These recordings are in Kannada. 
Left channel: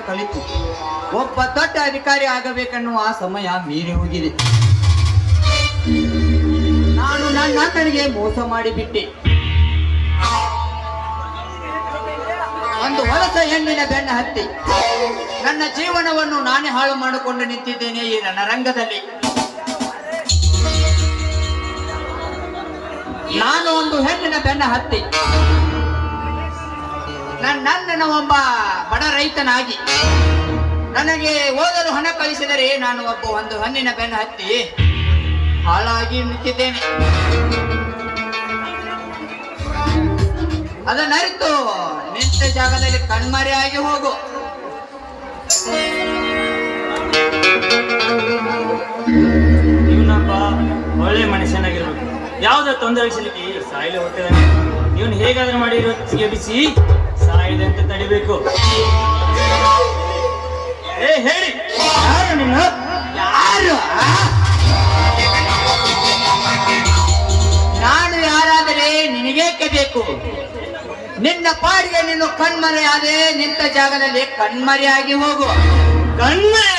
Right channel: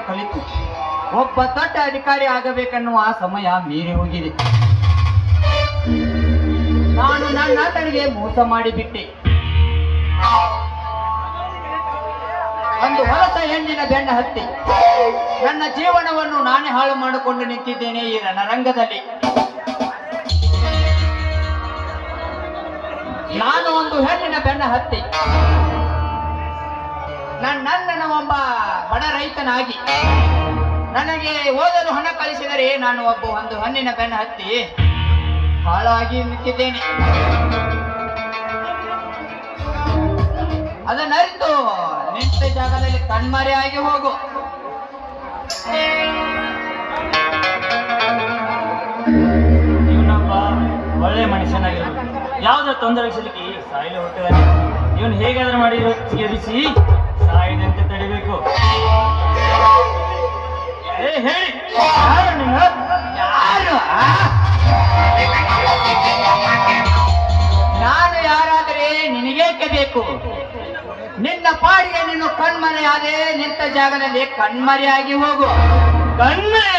ವಿದ್ಯೆಯನ್ನು ಕಲಿತು ಒಬ್ಬ ದೊಡ್ಡ ಅಧಿಕಾರಿ ಆಗಬೇಕನ್ನುವ ಸಮಯ ಮೀರಿ ಹೋಗಿದೆ. ನಾನು ನನ್ನ ಆತನಿಗೆ ಮೋಸ ಮಾಡಿಬಿಟ್ಟೆ. ಒಂದು ಹೊಲಸ ಹೆಣ್ಣಿನ ಬೆನ್ನ ಹತ್ತಿ ನನ್ನ ಜೀವನವನ್ನು ನಾನೇ ಹಾಳು ಮಾಡಿಕೊಂಡು ನಿಂತಿದ್ದೇನೆ ಈ ರಣರಂಗದಲ್ಲಿ. ನಾನು ಒಂದು ಹೆಣ್ಣಿನ ಬೆನ್ನ ಹತ್ತಿ ನನ್ನನ್ನು ಒಬ್ಬ ಬಡ ರೈತನಾಗಿ ನನಗೆ ಓದಲು ಹಣ ಕಳಿಸಿದರೆ ನಾನು ಒಂದು ಹೆಣ್ಣಿನ ಬೆನ್ನ ಹತ್ತಿ ಹಾಳಾಗಿ ನಿಂತಿದ್ದೇನೆ. ಅದನ್ನರಿತು ನಿಂತ ಜಾಗದಲ್ಲಿ ಕಣ್ಮರೆಯಾಗಿ ಹೋಗು. ಇವನೊಬ್ಬ ಒಳ್ಳೆ ಮನುಷ್ಯನಾಗಿರ್ಬೇಕು. ಯಾವುದೋ ತೊಂದರೆ ಸಿಲುಕಿ ಸಾಯಲು ಹೋಗ್ತಿದ್ದಾನೆ. ಇವನು ಹೇಗಾದ್ರೂ ಮಾಡಿ ಬಿಸಿ ಸಾಯಿದೆ ಅಂತ ತಡಿಬೇಕು. ಹೇಳಿ ಯಾರು ನೀನು? ಯಾರು? ನಾನು ಯಾರಾದರೆ ನಿನಗೇಕೆ ಬೇಕು? ನಿನ್ನ ಪಾಡಿಗೆ ನೀನು ಕಣ್ಮರೆಯಾದೆ ನಿಂತ ಜಾಗದಲ್ಲಿ ಕಣ್ಮರೆಯಾಗಿ ಹೋಗು. ಕಣ್ಮರೆ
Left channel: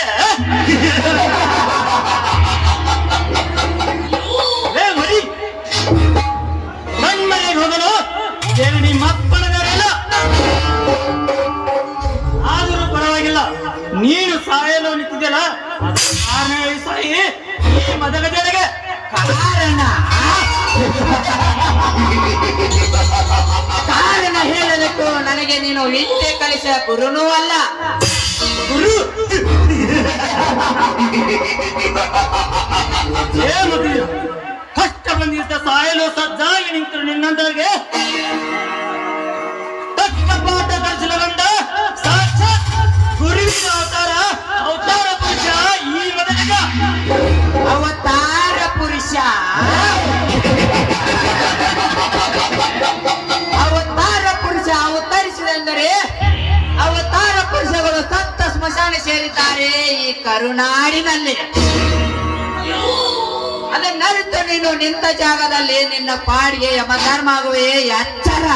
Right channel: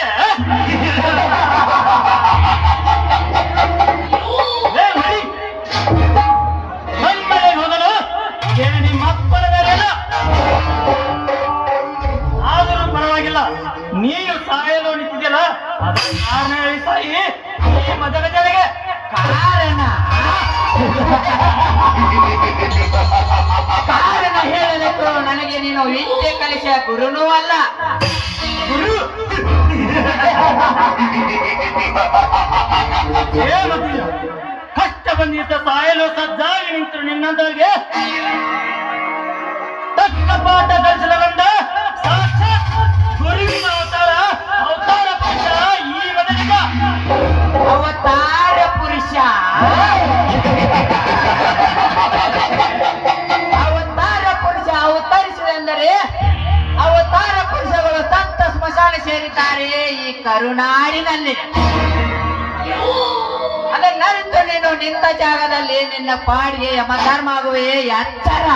ಕಣ್ಮರೆ ಹೋಗಲು ನಿಮ್ಮಪ್ಪನದರೆಲ್ಲ. ಆದರೂ ಪರವಾಗಿಲ್ಲ, ನೀನು ಸಾಯಲು ನಿಂತಿದೆಯಲ್ಲ ಸಾಯಿ ಈ ಮದಗಜನಿಗೆ ಕಾರಣ ಹೇಳಲಿಕ್ಕೆ ನನಗೆ ನೀನು ವಿದ್ಯೆ ಕಲಿಸಿದ ಗುರುನೂ ಅಲ್ಲ. ಕಷ್ಟ ಬಂದಿದ್ದ ಸಾಯಲು ಸಜ್ಜಾಗಿ ನಿಂತರು ನಿನ್ನಂದರಿಗೆ ತಕ್ಕ ಪಾಠ ದರ್ಶನ ಬಂದ ಸಾಕ್ಷಾತ್ ಗುರುವಿನ ಅವತಾರ ಪುರುಷ ಈ ಮನುಷ್ಯ. ಅವತಾರ ಪುರುಷ ಅವತಾರ ಪುರುಷ ಅವತರಿಸಿದೆಂದರೆ ಅವತಾರ ಪುರುಷಗಳು ಸತ್ತ ಸ್ಮಶಾನ ಸೇರಿದ್ದಾರೆ ಈ ಕರುನಾಡಿನಲ್ಲಿ. ಅದನ್ನರಿತು ನೀನು ನಿಂತ ಜಾಗದಲ್ಲಿ ನಿನ್ನ ಪಾಡಿಗೆ ಯಮಧರ್ಮ ಆಗುವೆ ಎಚ್ಚರ.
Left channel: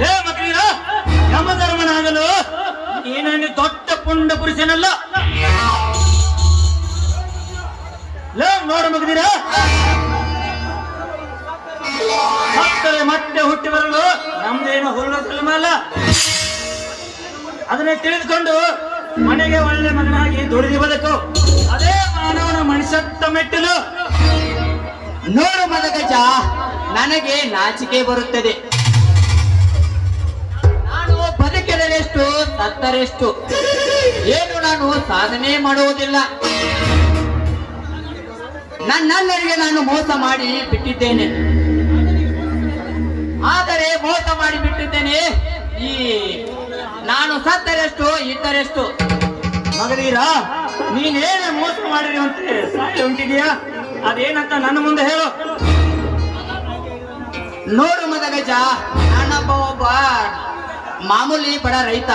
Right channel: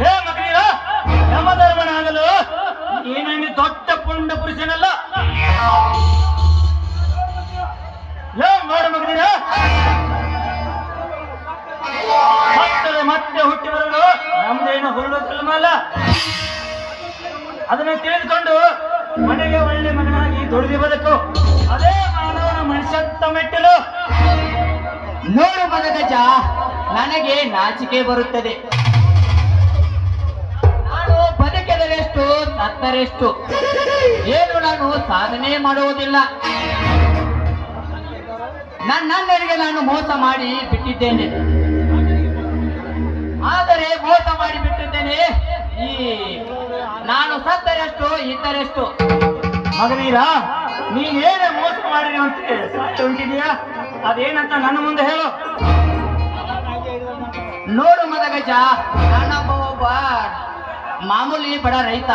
ಲೇ ಮಗನೀರ, ಯಮಧರ್ಮನಾಗಲು ನೀನನ್ನು ದೊಡ್ಡ ಪುಂಡ ಪುರುಷನಲ್ಲ. ಲೇ ನೋಡು ಮಗನೀರ, ಮಕ್ಕಳು ಮತ್ತೆ ಹುಟ್ಟಿ ಬರಲು ನಮ್ದೇನು ಹುಲ್ಲು ಅಲ್ಲ. ಅದನ್ನು ತಿಳಿದುಕೊಂಡು ಮನೆಗೆ ಒಳ್ಳೆ ಮಗನಾಗಿ ದುಡಿದು ಬದುಕು. ಅದೇ ಮಾನವನ ಮನುಷ್ಯತ್ವ ಮೆಟ್ಟಿಲು. ನೋಡು ಮದಗಜ, ನನಗೆ ನಾಚಿಕೆ ಬರುತ್ತದೆ. ನಾನು ಬದುಕಿದರೆಷ್ಟು ಸತ್ತರೆಷ್ಟು ಏನು ನಾನು ಸಾಧನೆ ಮಾಡುವುದಿಲ್ಲ. ನನ್ನೆಲ್ಲರಿಗೆ ನಾನು ಮೋಸ ಮಾಡಿ ಬಿಟ್ಟಿದ್ದೇನೆ. ಆದರೆ ಮೋಸ ಮಾಡಿ ಬಿಟ್ಟಿದ್ದೇನೆ. ಈ ನಾನು ಸತ್ತರೆಷ್ಟು ಇದ್ದರೆಷ್ಟು. ಮಗನೀರ, ನೀನೇನ ಮೋಸ ಮಾಡಿರುವಂತೆ ಸಾಯಿ ಉಂಟಿದೀಯಾ? ಅದೇನಂತ ನನ್ನ ಮುಂದೆ ಹೇಳು. ನೋಡು ಮದಗಜ, ಒಬ್ಬ ಮಾಮೂಲಿ ಬಡ ರೈತ.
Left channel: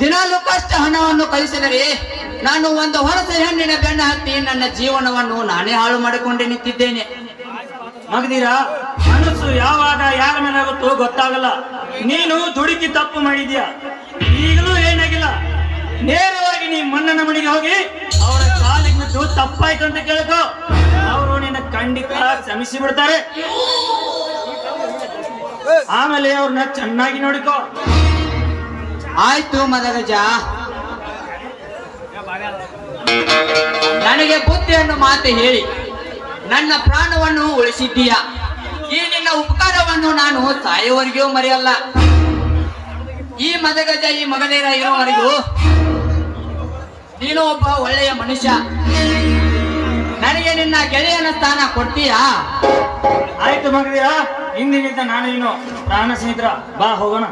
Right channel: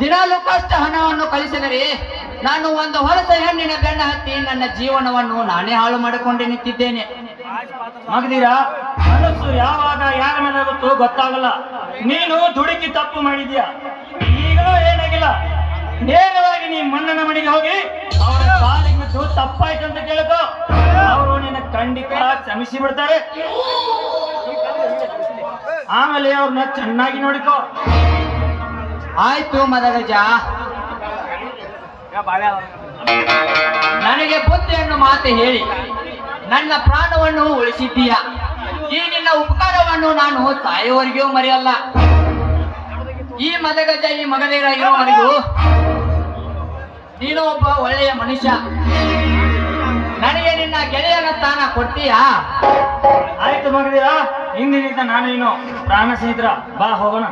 ದಿನಾಲು ಕಷ್ಟ ಹಣವನ್ನು ಕಲಿಸಿದರೆ ನಾನು ಒಂದು ಹೊರಸ ಹೆಣ್ಣಿನ ಬೆನ್ನ ಹತ್ತಿ ನನ್ನ ಜೀವನವನ್ನು ನಾನೇ ಹಾಳು ಮಾಡಿಕೊಂಡು ನಿಂತಿದ್ದೇನೆ. ಮಗದೀರ, ಮನಸ್ಸು ಯಾವಾಗ ಯಾರ ಮೇಲೆ ಆಗುತ್ತೋ ಗೊತ್ತಾಗಲ್ಲ. ನೀನು ದುಡುಕಿ ತಪ್ಪು ಮಾಡಿದ್ಯಾ, ಈಗಲೂ ಏನಾಗಿಲ್ಲ. ನೇರವಾಗಿ ನೀ ಮಣ್ಣನ ಮನೆಗೆ ಹೋಗಿ ಅವರ ಕಾಲಿಗೆ ಬಿದ್ದು ತಪ್ಪಾಯ್ತು ಅಂತ ಕೇಳ್ಕೋ. ಅವರು ನಿನ್ನ ಖಂಡಿತ ಕ್ಷಮಿಸಿ ಬಿಡ್ತಾರೆ. ಆಮೇಲೆ ಅವ್ರನ್ನ ಚೆನ್ನಾಗಿ ನೋಡಿಕೋ. ಆಯ್ತು ಮದಗಜ, ನನಗೆ ಬುದ್ಧಿಯನ್ನು ಮಾತು ಹೇಳಿ ನನ್ನ ಪ್ರಾಣವನ್ನು ಉಳಿಸಿದ್ದೀಯ. ಈ ನಿನ್ನ ಉಪಕಾರವನ್ನು ನಾನು ಸಾಯುವವರೆಗೂ ಮರೆಯಲ್ಲ. ಈ ಮದಗಜ, ಈ ಮಗನೇರ ಇರುವವರೆಗೂ ನೀನು ಒಬ್ಬ ಒಳ್ಳೆಯ ಮನುಷ್ಯ. ನನಗೆ ನಿನ್ನ ಗೆಳೆಯನ ಸ್ಥಾನ ಕೊಡ್ತೀಯಾ? ಆಯ್ತು ಮಗದೀರ, ಇಂದಿನಿಂದ ನಾನೇನು ಪ್ರಾಣ ಸ್ನೇಹಿತರ. ಬಾ ಹೋಗೋಣ.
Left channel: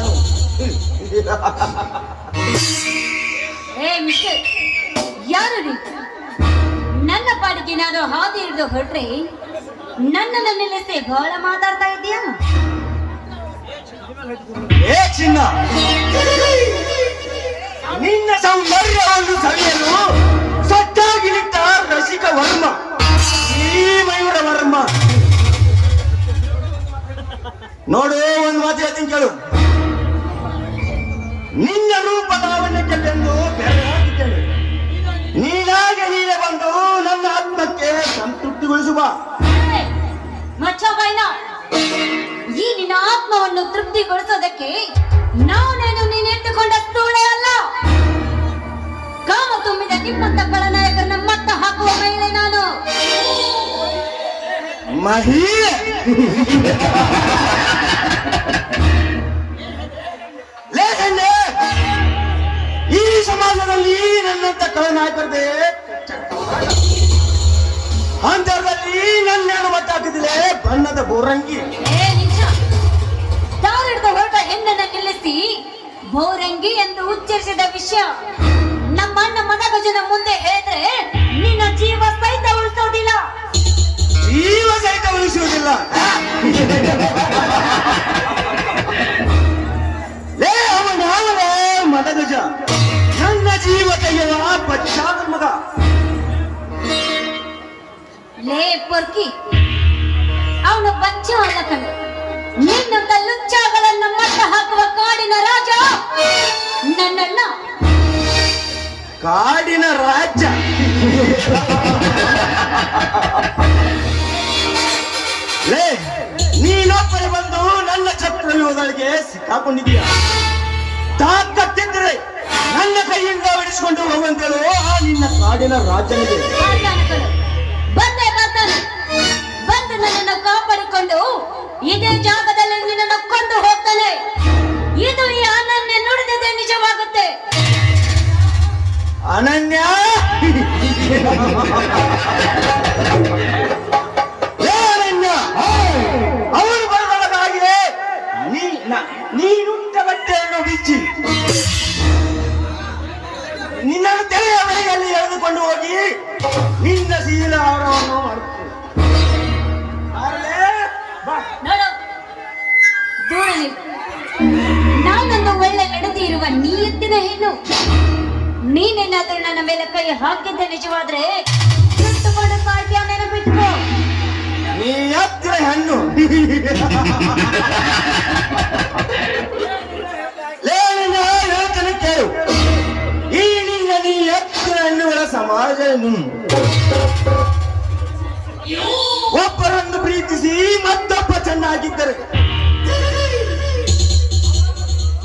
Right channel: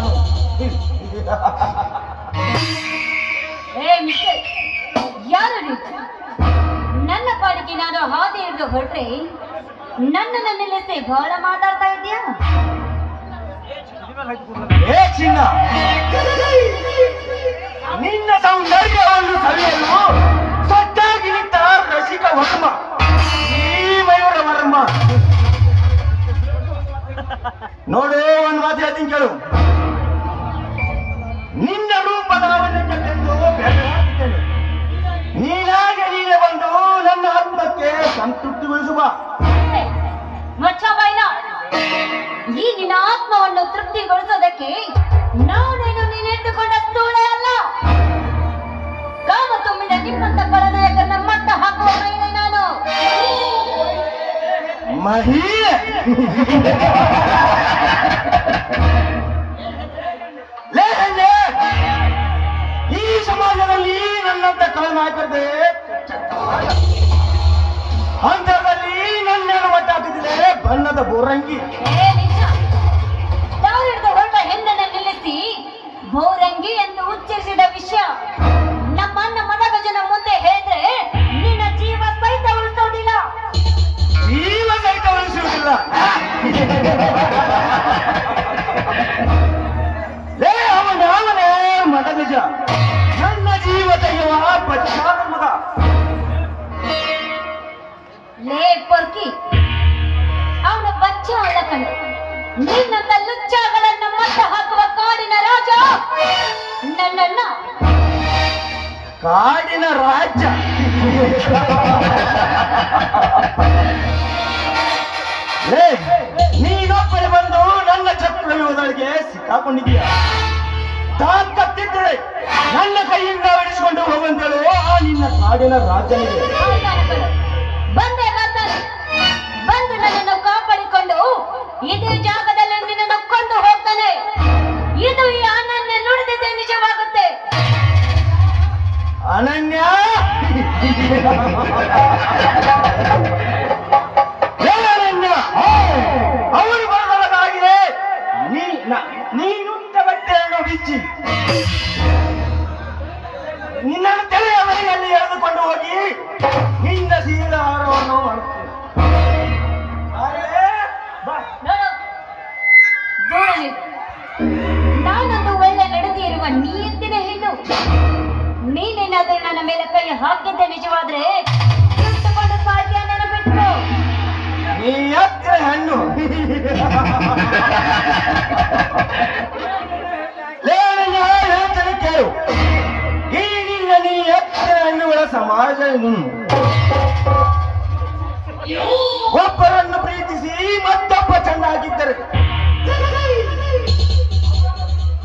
ನಾನು ಏ ಮಿಸ್ಟರ್, ಯಾರು ನೀವು? ನನ್ನ ಪಾಡಿಗೆ ನಾನು ಹಾದಿ ಹಿಡಿದು ಹೊರಟ್ರೆ ನನ್ನನ್ನು ನಿಲ್ಲಿಸಿ ಬಹಳ ಮಾತಾಡ್ತಾ ಇದೀಯಾ? ಏ ಚಿನ್ನ, ನಿನ್ನ ಸೌಂದರ್ಯವನ್ನು ಸರಿಯಲು ಸಜ್ಜಾಗಿ ನಿಂತ ರಸಿಕ ವರ್ಮ, ಈ ಮಯೂರ ವರ್ಮ. ನೋಡು, ಒಂದು ಮಾತು ಹೇಳ್ತೀನಿ ಕೇಳು. ನಿನ್ನ ರೂಪದ ಲಾವಣ್ಯಕ್ಕೆ ಬೆಂದು ಬೆರಗಾಗಿದ್ದೇನೆ. ನೀನಾಗಿ ನೀನೆ ಬಂದು ನನ್ನ ಆತ್ಮಕ್ಕೆ ಸಂತೃಪ್ತಿಗೊಳಿಸುವ. ಮಚ್ಚಬಾಯ್ನ, ಈ ನಿನ್ನ ಆತ್ಮವನ್ನು ತೃಪ್ತಿಗೊಳಿಸೋದಕ್ಕೆ ನಾನೇನು ನೀನು ಎಂದುಕೊಂಡ ತೋಣೆ ಅಲ್ಲ. ಕಾಮ ತುಂಬಿದ ನಿಮ್ಮಂತ ಖಳನಾಯಕರನ್ನ ಮಟ್ಟ ಹಾಕುವ ಮೇಲೆ ನಾನು ಮಹಿ ಲೇ ಹೆಣ್ಣೆ, ಈ ಸಮಾಜದಲ್ಲಿ ನನ್ನಂತ ಕಳನಾಯಕರದೆ ಅಂತರಲ್ಲಿ ನನ್ನೇನು ಮಟ್ಟ ಹಾಕಿದಿಲೆ ಬಣ್ಣದ ಬೋರಂಗಿ. ಏ ನಿಜ, ತಾವಿಡಿದ ಹೊರಟ ಹೆಣ್ಣನ್ನು ನಿಲ್ಲಿಸಿ ಬೋರಂಗಿ ಎಂದು ಉಚ್ಚರಿಸಿದ ವಿಷಯ ನಮ್ಮ ಅಣ್ಣ ಮದಗಜನ ಮುಂದೆ ಹೇಳಿದ್ರೆ ನಿನ್ನ ಜೀವ ಸಹಿತ ಉಳಿಸೋದಿಲ್ಲ. ಜೀವ ಸಹಿತ ಉಳಿಸುವುದಿಲ್ಲ. ಲೇ ಅವನೇ ಮದಗಜ, ನನ್ನ ಜೀವ ತೆಗೆಯುವ ಪಶ್ಚಾದ ಮಗ. ಲೇ ಪೊರ್ಕಿ, ಅವನು ಬಚ್ಚ ಅಲ್ಲ ಕಣೆ, ನಿನ್ನಂತ ಲುಚ್ಚಾಗಳನ್ನ ಮಟ್ಟ ಹಾಕುವ ಕಾಡಿನ ರಾಜ ನನ್ನನ್ನ. ಕಾಡಿನ ರಾಜ್ಯ. ಲೇ, ನೀನೊಬ್ಬನೇ ಬಂದು ನನ್ನ ಚಕ್ರವ್ಯೂಹದೊಳಗೆ ಸಿಕ್ಕಾಕೊಂಡಿದ್ದೀಯ. ತಾಕತ್ತಿದ್ರೆ ನನ್ನ ಕೈಯಿಂದ ಬಿಡಿಸಿಕೊಂಡು ಹೋಗುವಂತೇಳು ಆ ನಿನ್ನ ಕಾಡಿನ ರಾಜ್ಯನಿಗೆ. ಬಂದೆ ಬರ್ತಾನೆ, ಬಂದು ನನ್ನನ್ನು ಕಾಪಾಡಿಕೊಂಡು ಇದೇ ಜಾಗದಲ್ಲಿ ನಿನ್ನನ್ನು ಕೊಂದು ಹೋಗ್ತಾನೆ. ಇದು ಈ ಅನನ್ಯ ನುಡಿದಿದೆ ನಿಜವಾಗುತ್ತೆ. ಅನನ್ಯ, ಲೇ ಅನನ್ಯ, ಅವನು ಬರದೊಳಗಾಗಿ ನೀನುಂಟ ಬಟ್ಟೆಯನ್ನು ಬಿಚ್ಚಿ ನಿನ್ನನ್ನು ತೆರೆಯ ಮನೆಯಲ್ಲಿ ಎಳೆದುಕೊಂಡು ಹೋಗಿ ನಿನ್ನ ಶೀಲ ಹಾರವನ್ನು ಮಾಡುತ್ತೇನೆ. ನೋಡು, ದೂರ ನಿಲ್ಲು. ನಾನೊಂದು ಒಳ್ಳೆ ನಡೆದಿ ಇರುವ ನೀಯತ್ತಿನ ಹೆಣ್ಣು. ನೀನೇನಾದ್ರೂ ನನ್ನ ಮೇಲೆ ಕೈ ಹಾಕಿದ್ದ ನಿಜವಾದ್ರೆ ಇಟ್ಟುಕೊಂಡು ಸಾಧ್ಯ ನೆನಪಿಟ್ಕೋ. ನೀ ಎತ್ತಿನ ಹೆಣ್ಣು. ಲೇ ಅನನ್ಯ, ಹೇಳ್ತಾನೆ ಕೇಳು. ಈ ನೀ ಎತ್ತಿನ ಹೆಣ್ಣುಗಳ ಸಮಾಜ ಒಬ್ಬರನ್ನು ಪ್ರೀತಿಸಿ ಮತ್ತೊಬ್ಬ ಚೆನ್ನಾಗಿದ್ದರೆ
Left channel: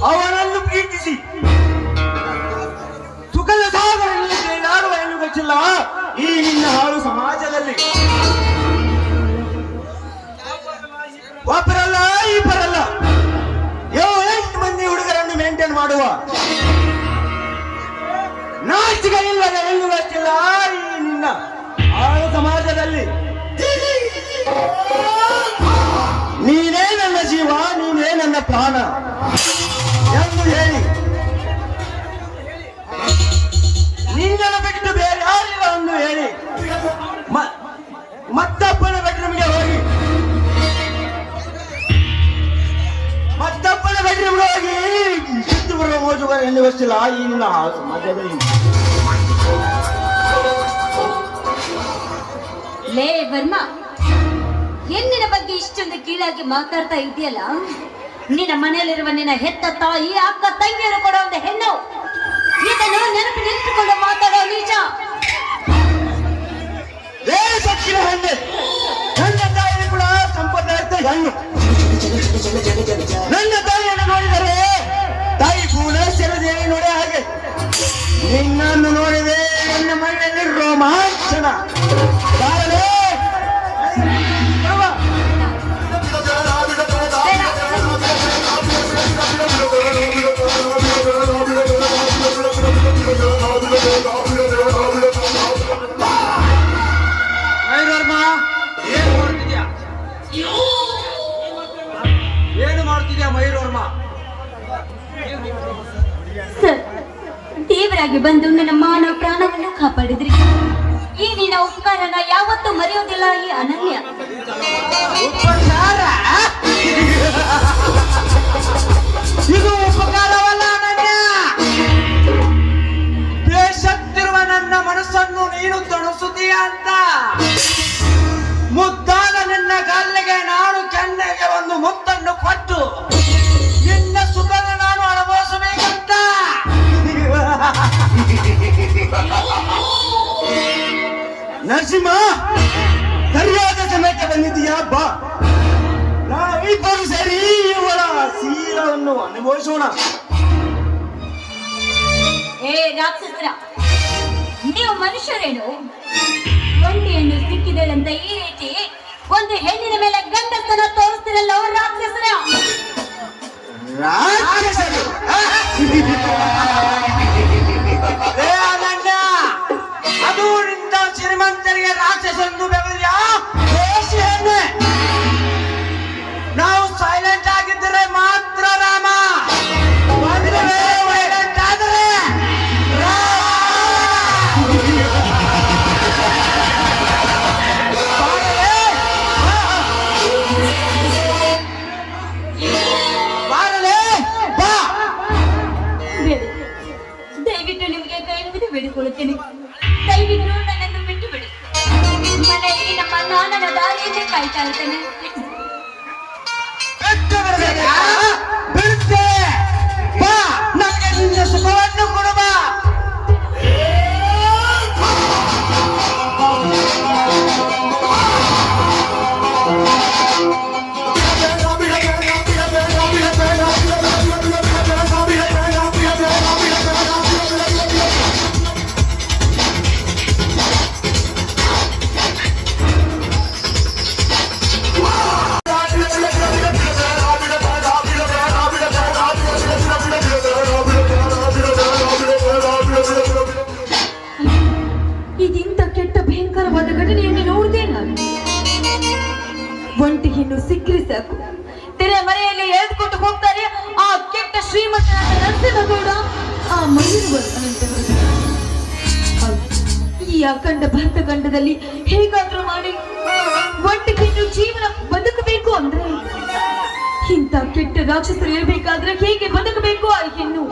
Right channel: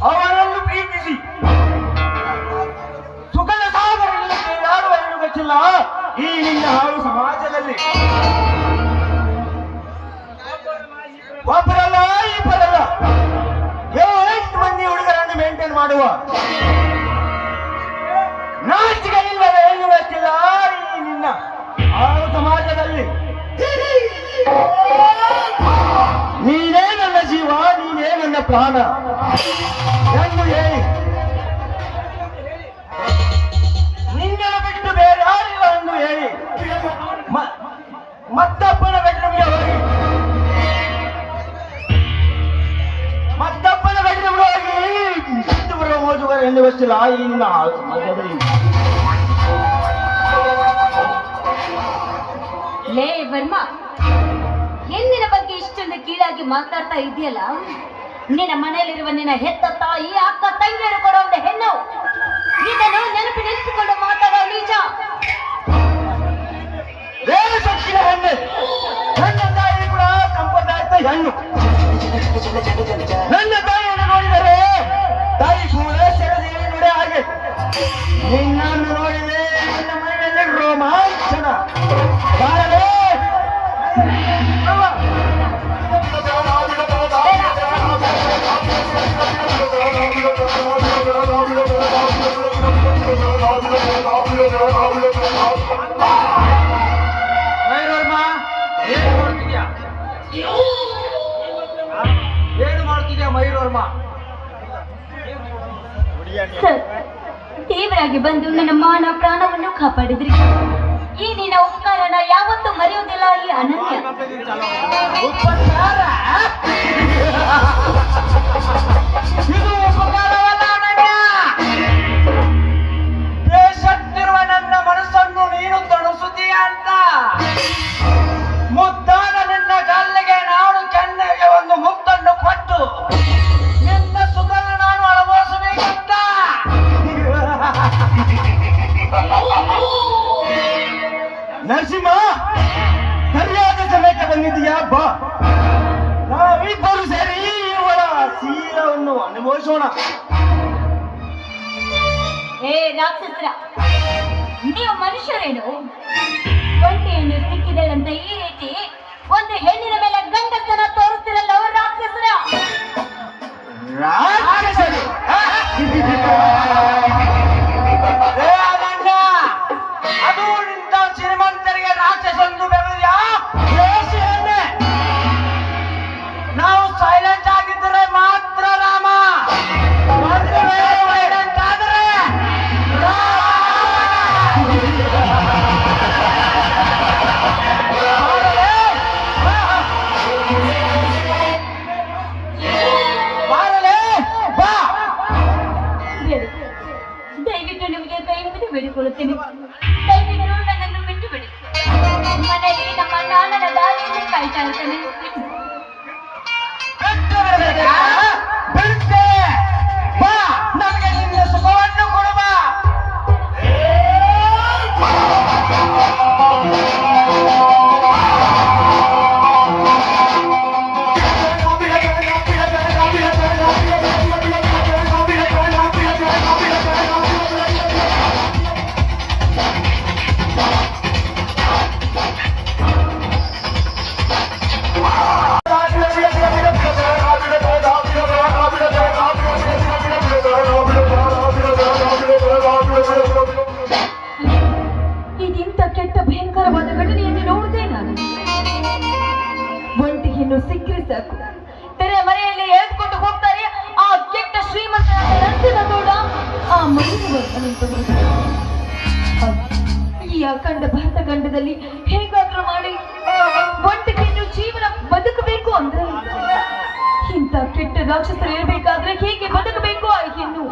ಅವನನ್ನು ಪ್ರೀತಿಸಿ ಸುಖದ ಸಾಗರದಲ್ಲಿ ತೇಲಾಡುವ ಹೆಣ್ಣು ಗಚ್ಚಿಲ್ಲ ಈ ನಿನ್ನ ಹಾಳು ಸಮಾಜದಲ್ಲಿ. ಒಬ್ಬರಲ್ಲ, ಇಬ್ಬರಲ್ಲ, 7 ಮಂದಿ ಹುಡುಗರನ್ನು ಮೇಂಟೈನ್ ಮಾಡುವ ನಾಚಿಕೆ ಇಲ್ಲದ ಹೆಣ್ಣು ಗಚ್ಚಿಲ್ಲ ಈ ನಿನ್ನ ಹಾಳು ಸಮಾಜದಲ್ಲಿ. ನೀನೇ ನನ್ನ ಜೀವ, ನೀನೇ ನನ್ನ ಪ್ರಾಣ ಎಂದು ಹೇಳಿ ನಿನ್ನನ್ನು ಬಿಟ್ಟು ಬೇರೆ ಯಾರಿಲ್ಲ ಎಂದು ಹೇಳಿ ಮತ್ತೊಬ್ಬನ ಬೆಡ್ರೂಮ್ಗೆ ಹೋಗಿ ಬಿಟ್ಟು ಬರುವ ಮೋಜುಗಾರ ಹೆಣ್ಣು ಗೊತ್ತಿಲ್ಲ ಈ ನಿನ್ನ ಹಾಳು ಸಮಾಜದಲ್ಲಿ. ಲೇ ವರ್ಮ, ಹೆಣ್ಣಿನ ಬಗ್ಗೆ ಇಷ್ಟೊಂದು ಕೀಳಾಗಿ ಮಾತಾಡ್ತಾ ಇದೆಯಲ್ಲ. ನಿನ್ನ ಮನೆಯಲ್ಲಿರುವ ನಿನ್ನ ಹೆತ್ತ ತಾಯಿ, ಅಕ್ಕ, ತಂಗಿಯರು ಕೂಡ ಒಂದು ಹೆಣ್ಣು. ಇದನ್ನು ನೆನಪಿಗೆ ಇಟ್ಟುಕೊಂಡು ಮಾತಾಡೋ ನಿಜ. ಲೇ ಸಕ್ಕಿನ ಹೆಣ್ಣೆ, ನನ್ನ ತಾಯಿ ಕೂಡ ಸಂಪದಾರ್ಥ ಹೆಣ್ಣು. ನನ್ನ ತಾಯಿಯನ್ನು ನೋಡಿದರೆ ತಾಯಿ ಭುವನೇಶ್ವರ ದೇವಿ ನೋಡೇ ಹಾಗೆ. ನಿನ್ನನ್ನು ನೋಡಿದೆ ನನ್ನ ಮೈಯಲ್ಲಿ ರೋಮಾಂಚನ. ಬಾರಲೇ. ಏನು ಮಾಡ್ತಿದ್ಯಾ ಮಯೂರವರ್ಮ? ದಾರಿಯಲ್ಲಿ ಬಂದು ನನ್ನ ಮಾನ ಪ್ರಾಣವನ್ನು ಕಾಪಾಡಿದ್ರಿ. ಈ ನಿನ್ನ ಉಪಕಾರನ ಯಾವತ್ತೂ ಮರೆಯುವುದಿಲ್ಲ ಈ ಅನನ್ಯ. ಉಪಚಾರ? ಇದು ಉಪಕಾರವಲ್ಲ ಅನನ್ಯ. ಬೇಸತ್ತಿರುವ ನನ್ನ ಮನಸ್ಸನ್ನು ನೀನು ತಣಿಸುತ್ತೀಯ ಅಂತ ಮುದ್ದಾದ ನಿನ್ನ ಗಲ್ಲಿಗೆ ನಾನು ಕೆನ್ನೆಗೆ ಒಂದು ಮುತ್ತನ್ನು ಕೊಟ್ಟು ನಿನ್ನ ಸುಖದ ನಾನು ಅನುಭವಿಸಬೇಕಂತ. ನರಸಿಂಹ, ಸರಿಯಾದ ಸಮಯಕ್ಕೆ ಬಂದಿದ್ದೀಯಾ? ಬಾ, ನಾವಿಬ್ಬರು ಸೇರಿ ಇವರ ಸೀಲವನ್ನು ಅನುಭವಿಸೋಣ. ಹೇ ರಾಕ್ಷಸರ, ನೀವು ಮನುಷ್ಯರೇನು? ಒಂದು ಹೆಣ್ಣು ಸಿಕ್ಕಿದೆ ಅಂತ ಈ ರೀತಿ ಒಂದು ಹೆಣ್ಣಿನ ಮೇಲೆ ಗಂಡಸನ ತೋರಿಸ್ತಿರಲ್ಲ ರಾಕ್ಷಸರ. ರಾಕ್ಷಸರು. ಏ ಅನನ್ಯ, ಅದು ನಿಂತ ಶ್ರೀಮಂತರಿಗೆ ರಾಕ್ಷಸಂದು ಬೆವರಿಯ ಬೇಷೆಯನ್ನೇ. ನಾವು ಸೈಲೆಂಟ್ ಆಗಿದ್ದರೆ ಮಾತ್ರ ರಾಮ. ಮದುವೆ ಮಾಡಬೇಕಾದರೆ ಮಾಡಲೇ ಬಾ. ಬೇಡ, ದಯವಿಟ್ಟು ನಿಮಗೆ ಕೈ ಮುಗಿದು ಬೇಡಿಕೊಳ್ಳುತ್ತೇನೆ. ದಯವಿಟ್ಟು ನನ್ನನ್ನು ಬಿಟ್ಟು ಬಿಡಿ. ಮನೆಯಲ್ಲಿ ನಮ್ಮ ನಾನನ ದಾರಿಯನ್ನೇ ಕಾಯ್ತಾ ಇರ್ತಾನೆ. ಬಿಡುತ್ತೆ ಬಾ, ನಮಗೆ ನಿನ್ನ ಸುಖವನ್ನು ಕೊಡು ಬಾ. ಇದೆಂತ ಕೆಟ್ಟ ಭಯಂಕರವಾದ ಘಟನೆಯನ್ನು ನೋಡಿದೆ ನಾನು. ಒಂಟಿ ಹೆಣ್ಣು ಸಿಕ್ಕರೆ ಸಾಕು, ತೆರೆ ಮರೆಯಲ್ಲಿ ಎಳೆದುಕೊಂಡು ಹೋಗ್ತಾರೆ ಆ ಕೆಟ್ಟ ಶ್ರೀಮಂತರಾದ ನರಸಿಂಹ ಗೌಡ, ಆ ಮಹಿಳೆ. ಈ ಅಖಂಡ ಭರತ ಖಂಡದಲ್ಲಿ ಹೇಗಾದ್ರೂ ಮಾಡಿ ಒಂಟಿ ಹೆಣ್ಣು ಜೀವನ ಬದುಕಬೇಕು ಅಂದ್ರೆ ಇಂಥ ಕೆಟ್ಟ ರಾಕ್ಷಸರು ಇರಬೇಕಾದ್ರೆ ಹೇಗೆ ಬದುಕಬೇಕು ಆ ಹೆಣ್ಣು?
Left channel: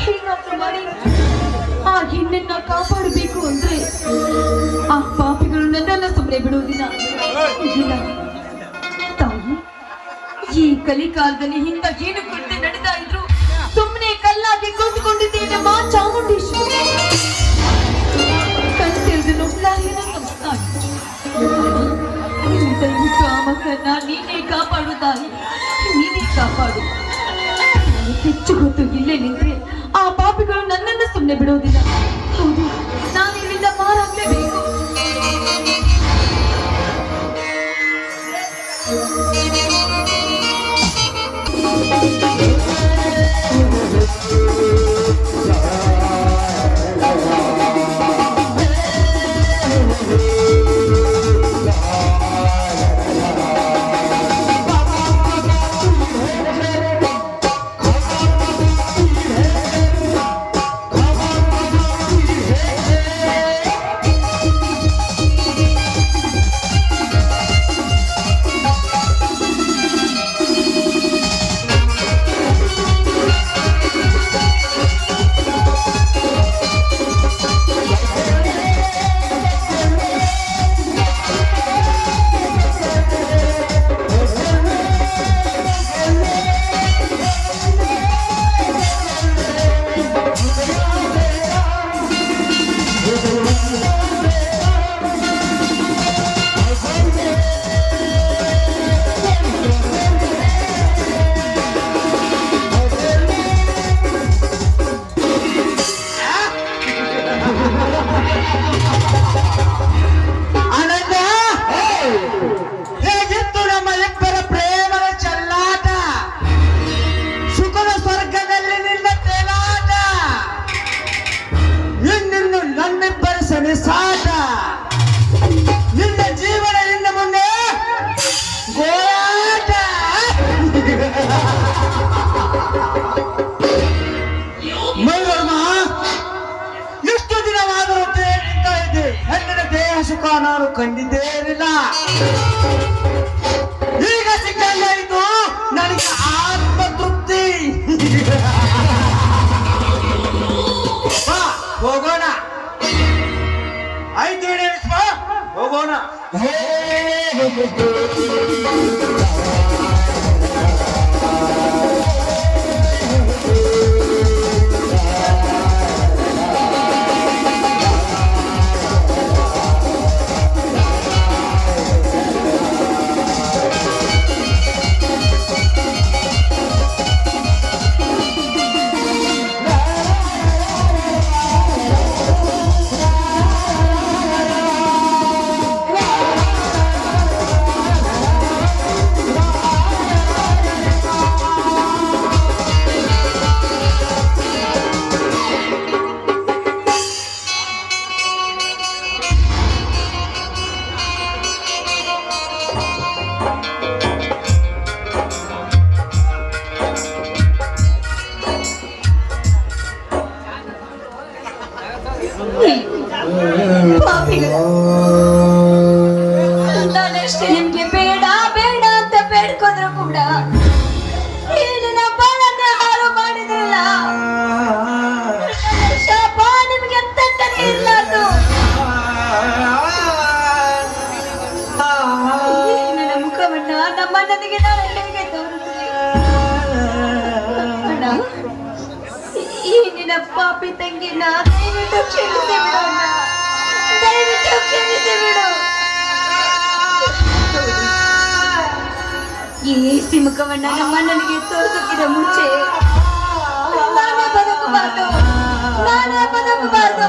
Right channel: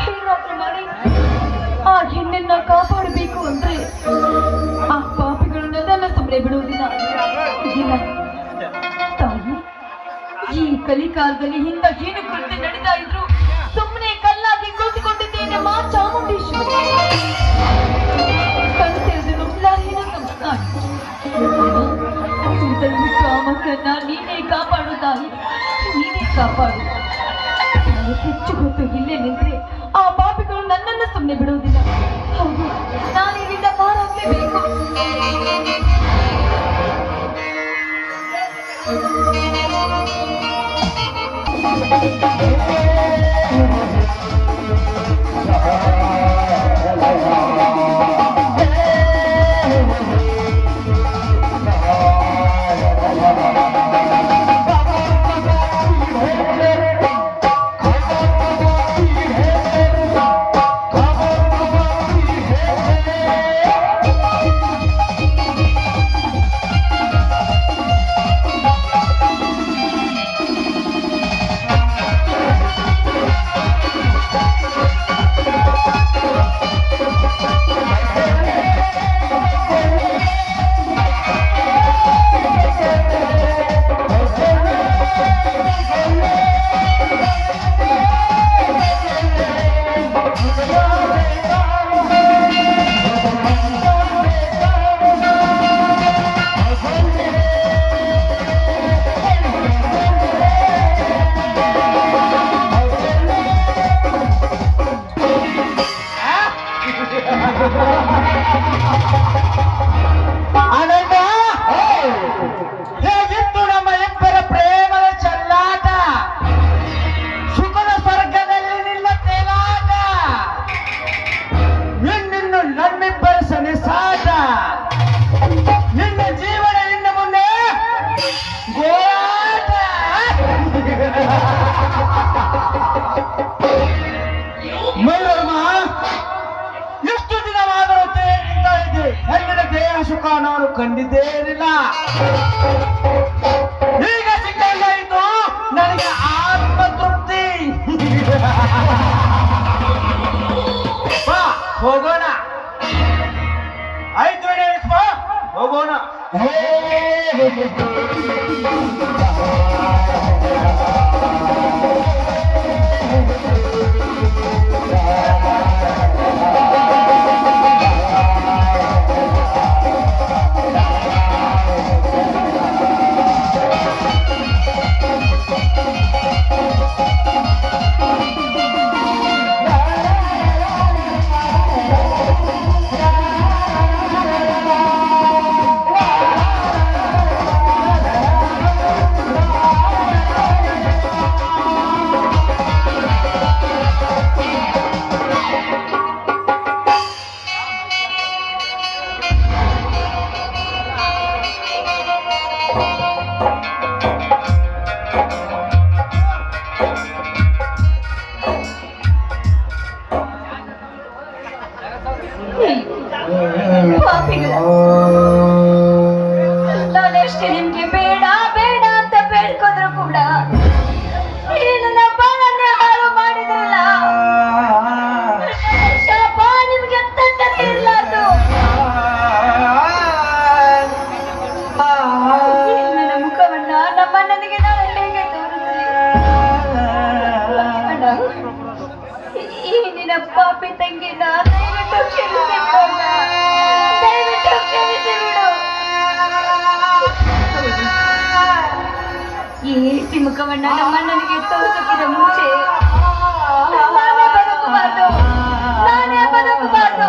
ಹೇಗಾದ್ರೂ ಮಾಡಿ ಆ ಹೆಣ್ಣನ್ನ ಕಾಪಾಡಬೇಕು ಅಂದ್ರೆ ಆ ಪಾಪಿಗಳು ನನ್ನನ್ನ ಸುಮ್ಮನೆ ಬಿಡುವುದಿಲ್ಲ. ಇಲ್ಲ ತಾಯಿ, ಈ ಕಲಿಕಾಲದಲ್ಲಿ ಹಿಂದ ಏನು ಕೃತ್ಯ ನಡೀತಾ ಇದ್ರು ಸುಮ್ಮನೆ ಕಲ್ಲಾಗಿ ಕೂತ್ಕೊಂಡಿದ್ದೇನೆ ಮಾ ಚಾಮುಂಡೇಶ್ವರಿ. ಕಲ್ತಿರೋದು ದಯವಿಟ್ಟು ಆ ಮಕ್ಕಳನ್ನ ನೀನೇ ಕಾಪಾಡು ತಾಯಿ, ನೀನೇ ಕಾಪಾಡು. ನಾನು ಹೆಚ್ಚು ಹೊತ್ತು ಇಲ್ಲೇ ನಿಂತ್ರೆ ಆ ಪಾಪಿಗಳು ನನ್ನನ್ನ ಸುಮ್ಮನೆ ಬಿಡುವುದಿಲ್ಲ. ಹೌದು, ನಾನು ಇಲ್ಲಿಂದ ಮಾರಾಗಲೇಬೇಕು. ನಾನಷ್ಟೇ ನಿಮ್ಗೆ ಬೇಡ ಬೇಡ ಅಂತ ಬೇಡ್ಕೊಂಡ್ರು ಕೂಡ ನೀನು ನಮ್ಮ ನನ್ನ ಹಾಳು ಮಾಡಿದಿಲ್ಲ. ಶಾಪ ನಿಮ್ಗೆ ಅಂತಂತಾನೆ ಇರ್ಲಾರ್ದು. ನನ್ನ ಮುಖವನ್ನ ನಮ್ಮ ನನಗೆ ನಾನು ಹೇಗೆ ತೋರಿಸ್ಲಿ? ಅಣ್ಣ, ಈ ನಿನ್ನ ಪಾಪಿ ತಂಗಿನ ದಯವಿಟ್ಟು ಕ್ಷಮಿಸಿ ಬಿಡು ಅಣ್ಣ. ದಯವಿಟ್ಟು ಕ್ಷಮಿಸಿ ಬಿಡು. ಈ ಸಿಮುಖವನ್ನ ನಮ್ಮ ನನಗೆ ತೋರಿಸಕ್ಕಿಂತ ಮುಂಚೆ ನಾನೇ ಬದುಕಬಾರ್ದು.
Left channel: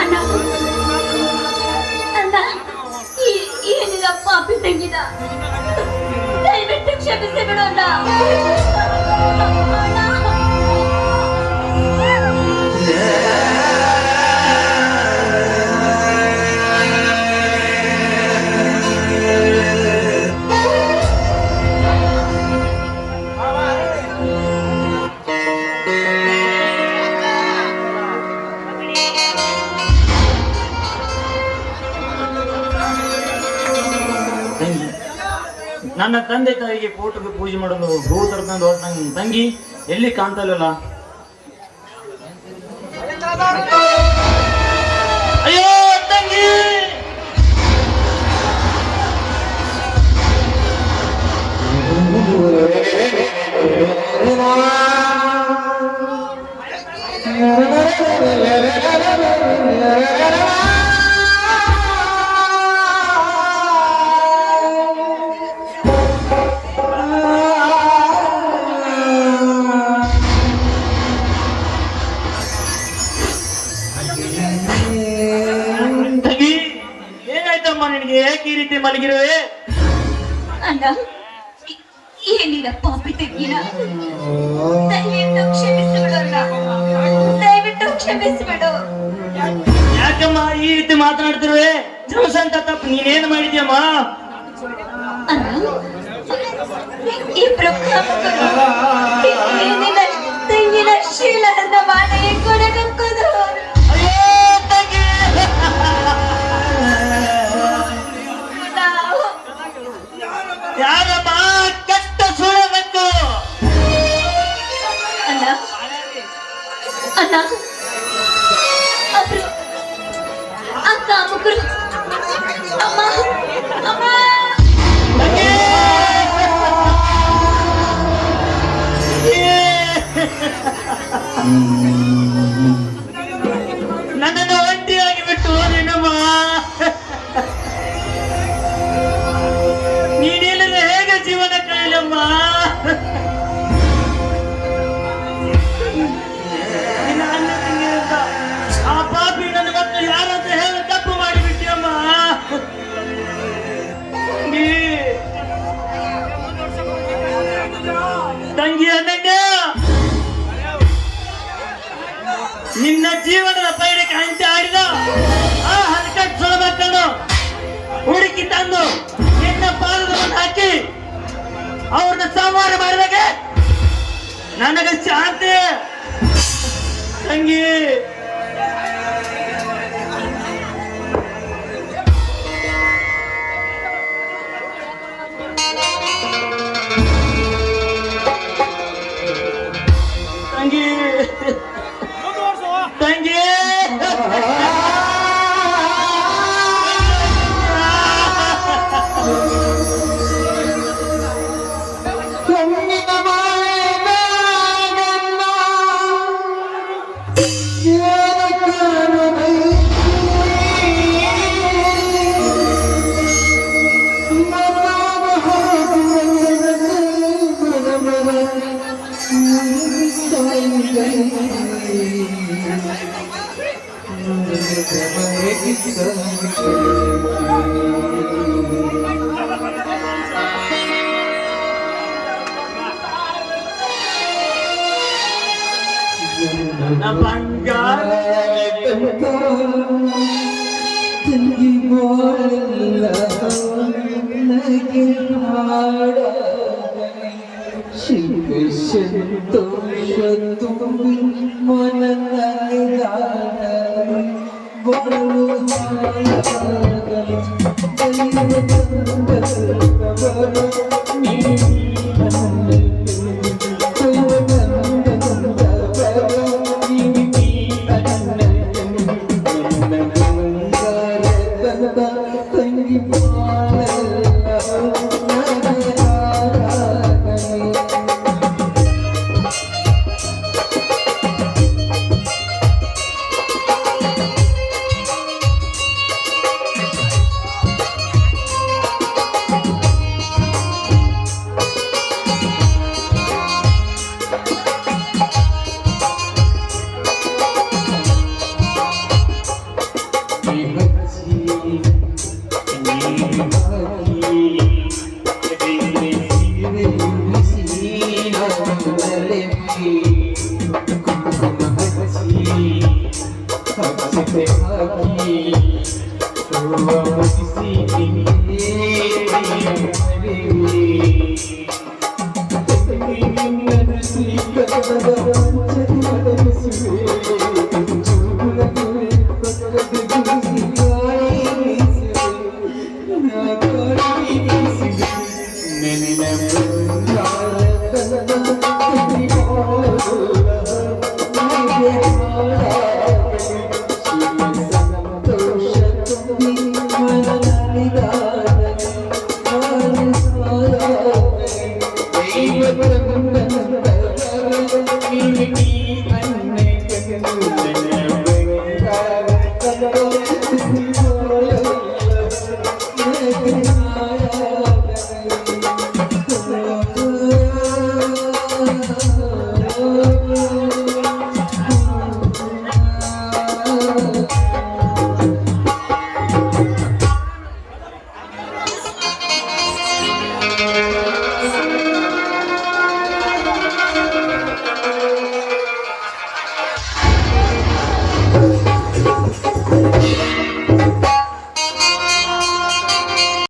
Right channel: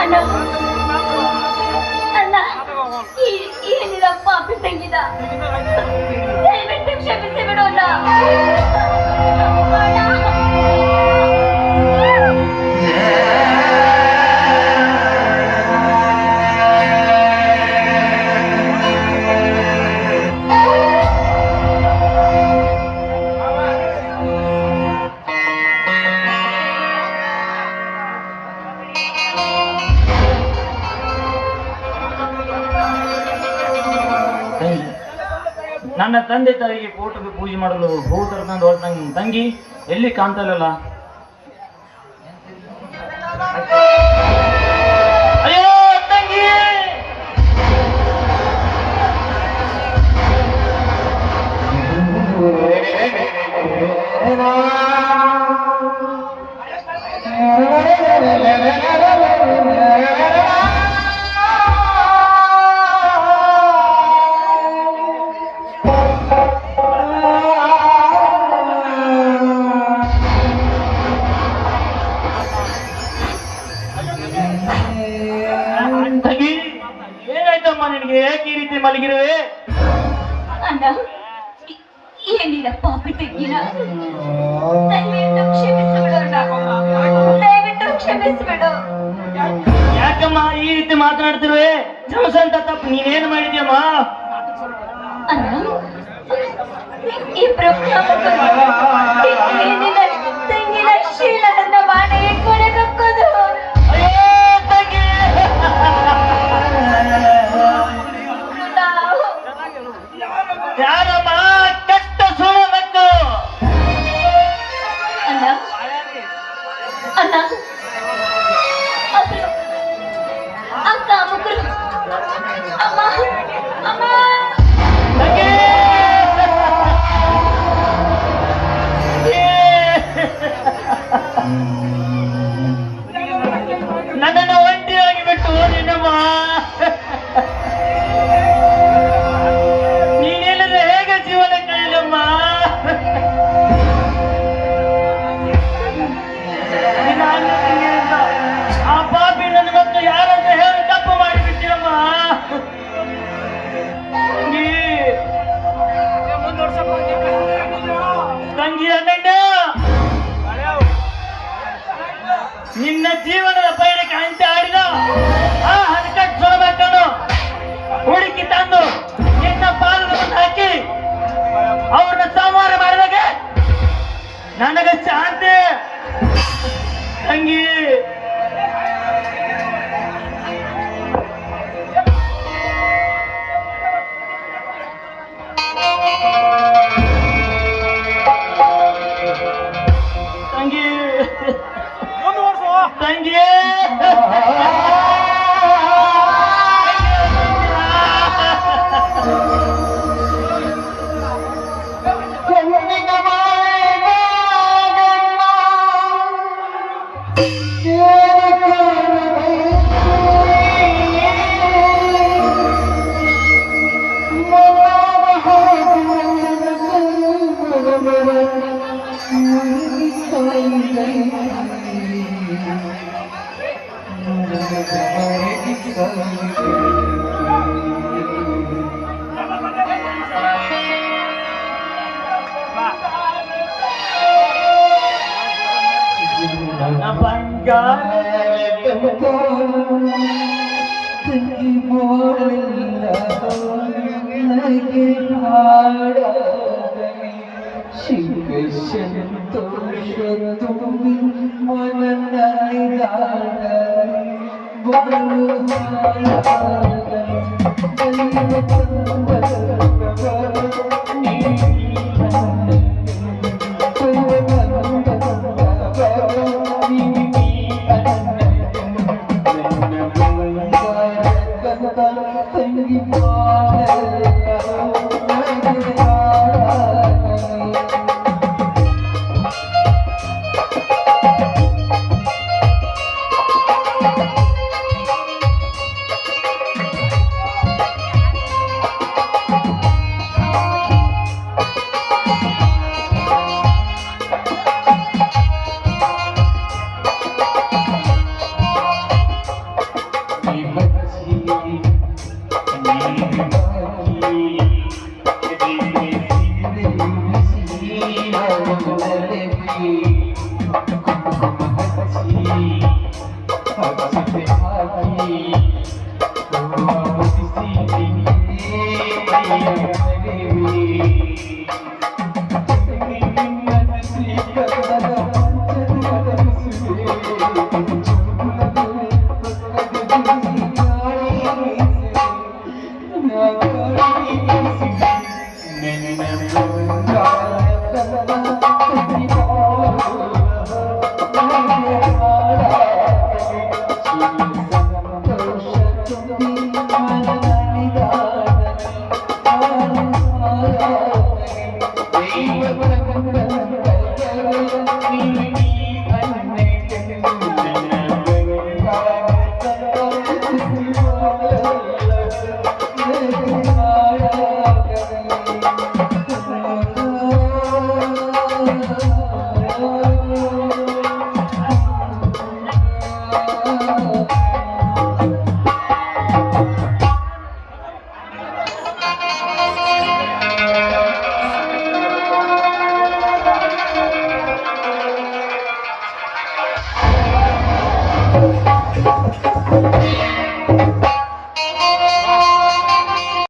ಅಣ್ಣ, ಅಣ್ಣ, ಈ ನಿನ್ನ ಪಾಪಿ ತಂಗಿದ ದಯವಿಟ್ಟು ಕ್ಷಮಿಸಿ ಬಿಡು ಅಣ್ಣ. ನನ್ನ ತಂದೆ ತಾಯಿಗೆ ಕೂಟಕ್ಕೆ ಪೂಜೆ ಮಾಡಲು ಹೂ ತರ್ಕೊಂಡು ಹೋಗ್ತಂಗ ತಂಗಿ ಎಲ್ಲಿ ಕಾಣ್ತಾರಲ್ಲ. ಅಯ್ಯೋ ತಂಗಿ, ಏನಾಯ್ತಮ್ಮ ನಿನಗೆ? ಏಕೆ ಈ ರೀತಿ ಮಲಗಿರುವೆ? ಅಣ್ಣ, ಏನಿಲ್ಲ ಪಾಪಿ ತಂಗಿನ ದಯವಿಟ್ಟು ಕ್ಷಮಿಸಿಬಿಡು ಅಣ್ಣ. ದಯವಿಟ್ಟು ಕ್ಷಮಿಸಿಬಿಡು. ಯಾಕಮ್ಮ ಈ ರೀತಿ ಮಾತನಾಡ್ತಿರುವೆ? ಜಮಸಂತ ತಪ್ಪು ನೀನೇನು ಮಾಡಿದ್ಯಮ್ಮ? ಅಣ್ಣ, ಈ ಬ್ರಹ್ಮಕರು ಈ ನಿನ್ನ ತಂಗಿನ ಶೀಲದ ಮಾನೆಗೆ ಕೊನೆಗಕ್ಕದು. ಯಾರಮ್ಮ ಕಷ್ಟ ಸುಳ್ಳಬೇಕು? ಅಣ್ಣ, ಅಣ್ಣ, ಅಕ್ಕ ಮುಗ್ರು, ಅಮ್ಮ, ಅಮ್ಮ. ನನ್ನನ್ನು ಒಂಟಿಯಾಗಿ ಬಿಟ್ಟು ಹೋದಿನಮ್ಮ. ನೀನಿಲ್ಲದೆ ಹೇಗೆ ಜೀವನ ಕಳೆಯಲಮ್ಮ? ನಿನ್ನ ಅಣ್ಣ ತಂಗಿಯಿಂದ ಆ ಪಾಪಿ ನನ್ನ ಮಕ್ಕಳು ಯಾರಂತ ಹೇಳಿ ತಪ್ಪು ಮಾಡಿಬಿಟ್ಟಿಯಮ್ಮ. ನನಗೆ ಶಾಂತಿ ತಂಗಿ. ತಂಗಿ ತಂಗಿ ನನ್ನ ಬಂಗಾರ ಸಂತೋಷ ತುಂಬಿ Thank you.